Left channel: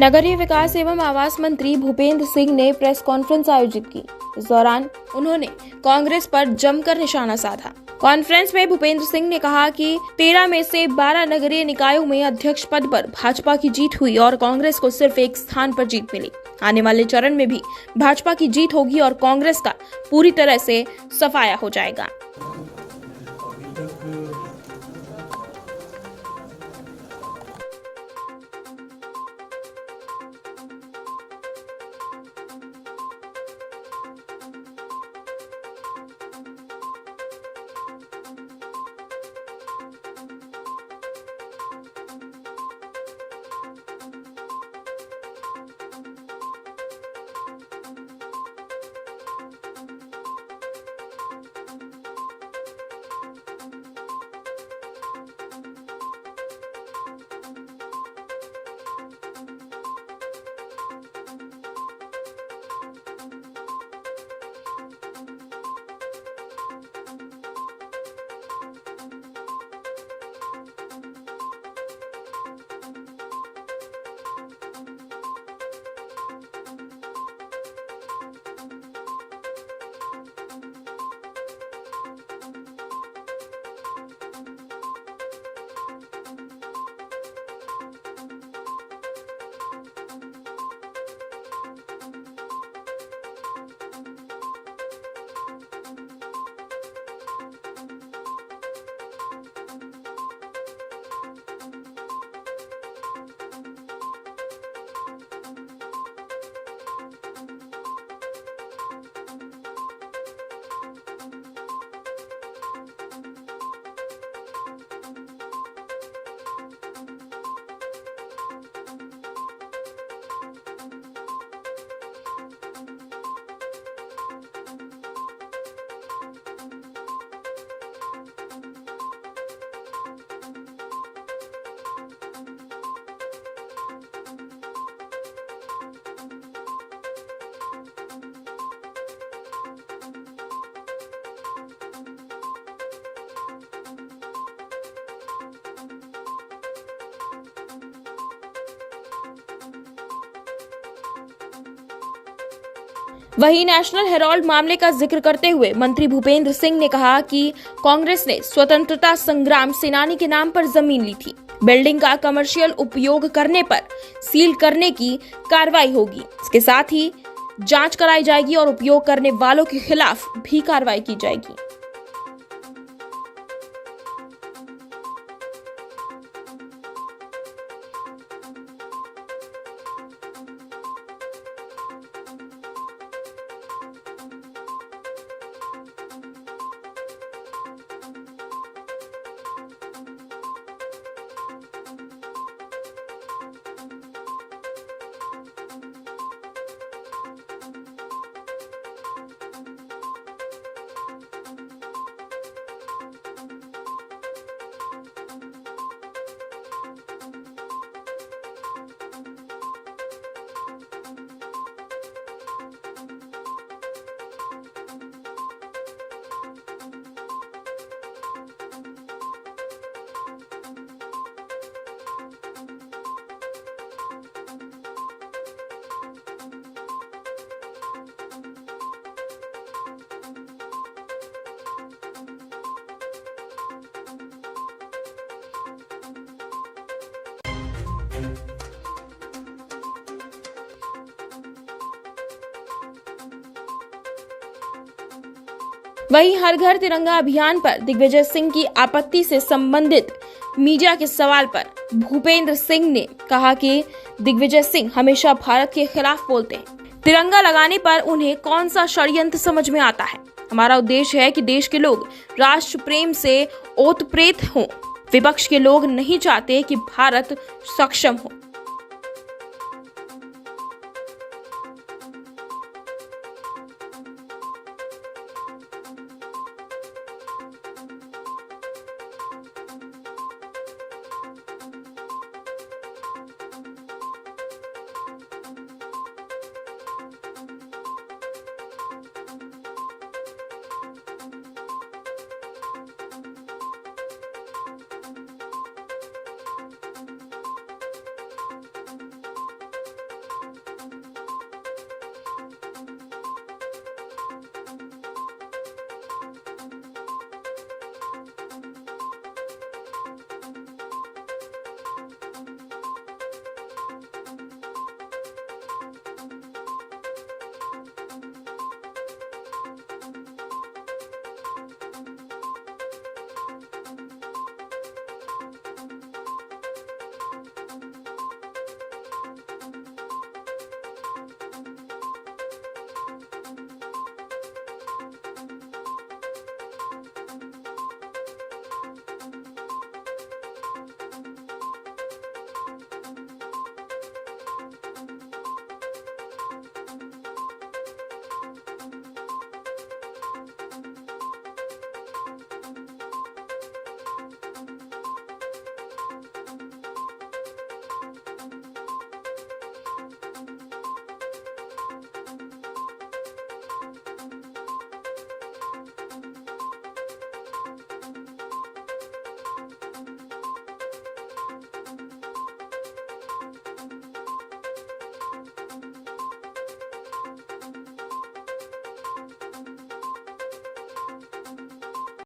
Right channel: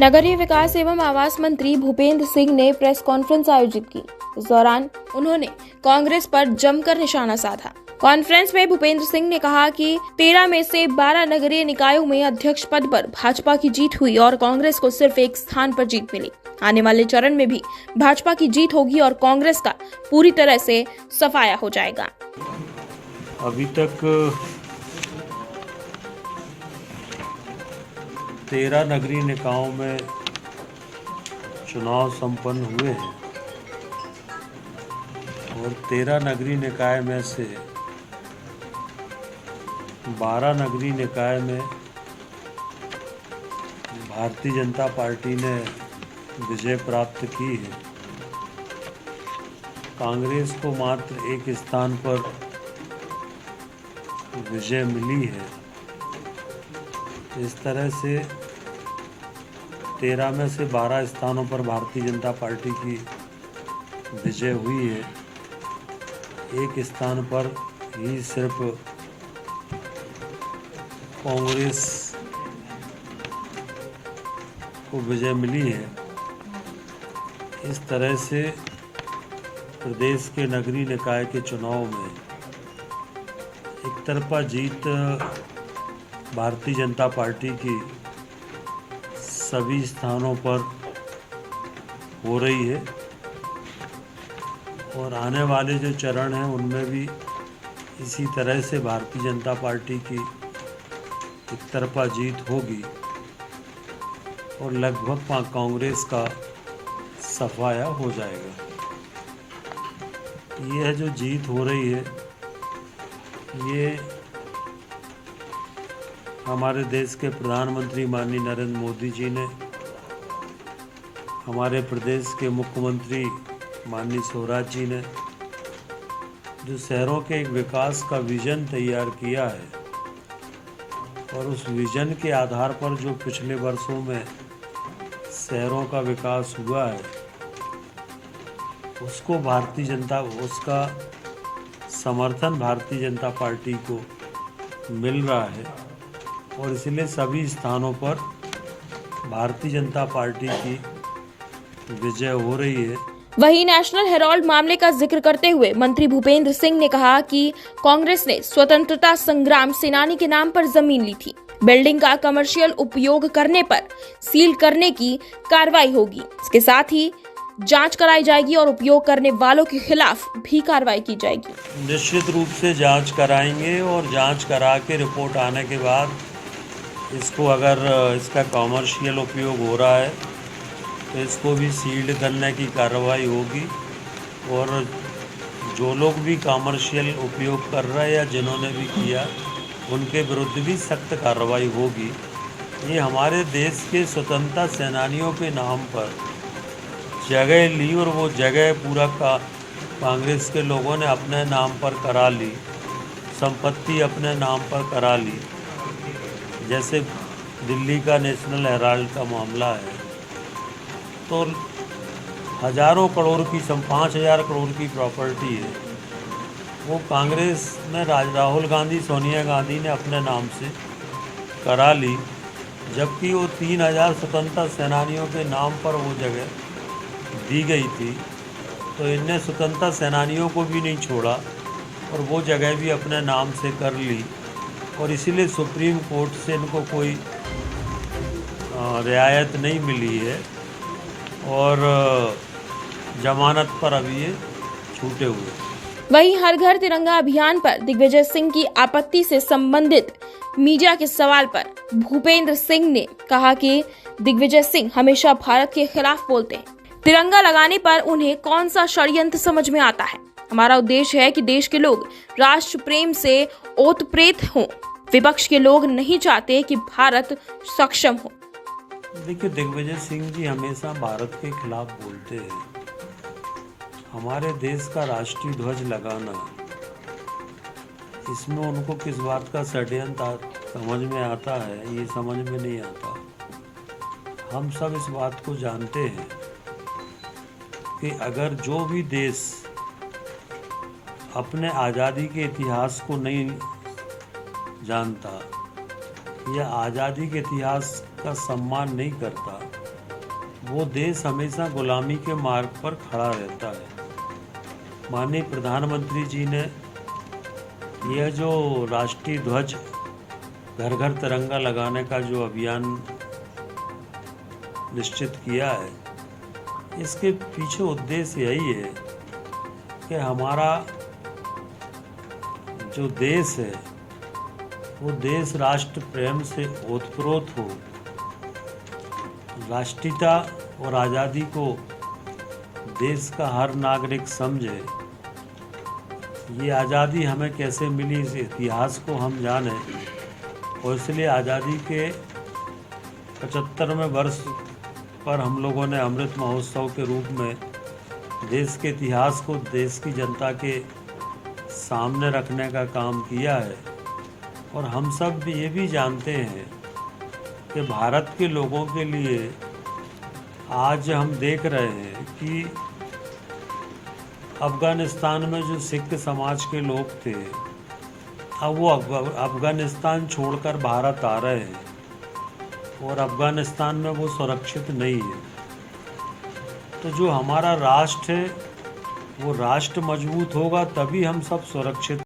नगरीय विकास एवं आवास मंत्री भूपेंद्र सिंह ने प्रेस कॉन्फ्रेंस आयोजित की। इस दौरान उन्होंने कांग्रेस पर जमकर निशाना साधा। कॉन्फ्रेंस में भूपेंद्र सिंह ने कहा कि 13 में से 12 नगरीय निकायों में अध्यक्ष पद पर भाजपा की जीत हुई और कांग्रेस को सिर्फ एक स्थान पर जीत मिली। आने वाले चरण में भी भाजपा की जीत होगी और कांग्रेस का पूरी तरह से सफाया हो जाएगा। अभी तक 13 नगरीय निकायों में चुनाव संपन्न हुए हैं और 13 नगरीय निकाय में से 12 नगरीय निकाय में भारतीय जनता पार्टी ने विजय प्राप्त की है। कांग्रेस को मात्र एक स्थान पर विजय मिली है। इस तरह से 13 में से 12 स्थानों पर भारतीय जनता पार्टी की विजय हुई है। एक स्थान पर ही सिर्फ कांग्रेस को विजय मिली है। इस तरह से प्रदेश के नगरीय निकाय के चुनाव में एक तरफा जीत भारतीय जनता पार्टी की सभी स्थानों पर हो रही है और आने वाले जो चरण हैं उनमें भी इसी तरह से भारतीय जनता पार्टी की एक तरफा जीत होगी और लगभग कांग्रेस का सफाया हो जाएगा। यह जो जीत हो रही है ये हमारे देश के प्रधानमंत्री माननीय नरेंद्र मोदी जी ने हमारे प्रदेश के मुख्यमंत्री माननीय शिवराज जी ने जो शहरों के एक विकास का विजन तैयार किया है और उस विजन के आधार पर जो पिछले वर्षों में शहरों का विकास हुआ है उसका समर्थन भारतीय जनता पार्टी को मिल रहा है और इसलिए सभी स्थानों पर भारतीय जनता पार्टी की विजय हो रही है। वहीं नेशनल हेराल्ड मामले का जिक्र करते हुए मंत्री भूपेंद्र सिंह ने कहा कि कांग्रेस ने स्वतंत्रता संग्राम सेनानी के नाम पर जमीन ली थी। बिल्डिंग का कमर्शियल उपयोग करने पर सील करने की कार्रवाई होगी। इसके साथ ही जांच कराई जाएगी और उपयोग करने वालों के खिलाफ भी कार्रवाई की जाएगी। निश्चित रूप से जांच कराएंगे और जांच करा के रिपोर्ट आने के बाद इसको अगर इसका कमर्शियल उपयोग हो रहा है तो इसको भी सील्ड करने की कार्रवाई होगी और जो लोग भी कमर्शियल उपयोग कर रहे हैं या जिन्होंने भी किया उनके विरुद्ध भी सख्त कार्रवाई होगी। ये हमारे देश के स्वतंत्रता सेनानियों के नाम पर जगह ली और वो जगह पूरा कांग्रेस के लोगों ने अपने नाम पर करा ली, संपत्ति अपने नाम पर करा ली। जैसे दिल्ली का नेशनल हेराल्ड का मामला है तो हजारों करोड़ की 5,000 करोड़ की प्रॉपर्टी है, वो कांग्रेस में राहुल गांधी सोनिया गांधी ने अपने नाम से करा ली, जबकि वो 3,000 स्वतंत्रता सेनानियों के नाम पर वो जगह दी गई थी। तो इनने स्वतंत्रता सेनानियों को भी नहीं छोड़ा और वो जगह भी अपने नाम से कर ली और इसीलिए सुप्रीम कोर्ट से इनको कोई रियायत नहीं मिली है और जमानत पर अभी ये छूटे हुए। वहीं हर घर तिरंगा अभियान पर दिग्विजय सिंह की आपत्ति से संबंधित मीडिया के सवाल पर भूपेंद्र सिंह ने कहा कि दिग्विजय सिंह हमेशा भारत के खिलाफ बोलते हैं। तिरंगा लगाने पर उन्हें कौन सा षड्यंत्र समझ में आता है। हमारा उद्देश्य है कि देश के लोग राष्ट्र प्रेम से ओतप्रोत हों। विपक्ष के लोग नहीं चाहते कि भारत सक्षम हो। देखिए, दिग्विजय सिंह जी हमेशा भारत के खिलाफ बोलते हैं। हमारे देश का राष्ट्रीय ध्वज लगाना, इसमें उनको किस बात का षड्यंत्र समझ में आता है, ये समझ में नहीं आता। हम सब इस बात को जानते हैं कि अगर जो भी देश अपने आज़ादी के इतिहास को नहीं जानता या आज़ादी के इतिहास का सम्मान नहीं करता वो देश हमेशा गुलामी के मार्ग पर खड़ा रहता है। माननीय प्रधानमंत्री जी ने यह जो राष्ट्रीय ध्वज घर घर तिरंगा लगाने का जो अभियान निश्चित किया है, इसके पीछे उद्देश्य यही है कि हमारा जो देश है वो देश राष्ट्र प्रेम से ओतप्रोत हो, राष्ट्रीयता और आज़ादी को देश का हर नागरिक समझे। ये आज़ादी हमें कैसे मिली, इस इतिहास को हम जाने, और इसलिए आज़ादी के 75वें वर्ष पर हम लोगों ने अमृत महोत्सव के रूप में देश के इतिहास को देश की जनता के सामने रखने का काम किया है। और हम सब भी ये भी जानते हैं कि भारत के लोगों के लिए आज हम देख रहे हैं कि अफ़गानिस्तान में जो सिख समाज के लोग थे, अब वो अफ़गानिस्तान छोड़कर भारत आ रहे हैं और अफ़गानिस्तान में वो सुरक्षित नहीं है। तो जो हमारा राष्ट्र है वो राष्ट्र मजबूत होगा तभी हम सब सुरक्षित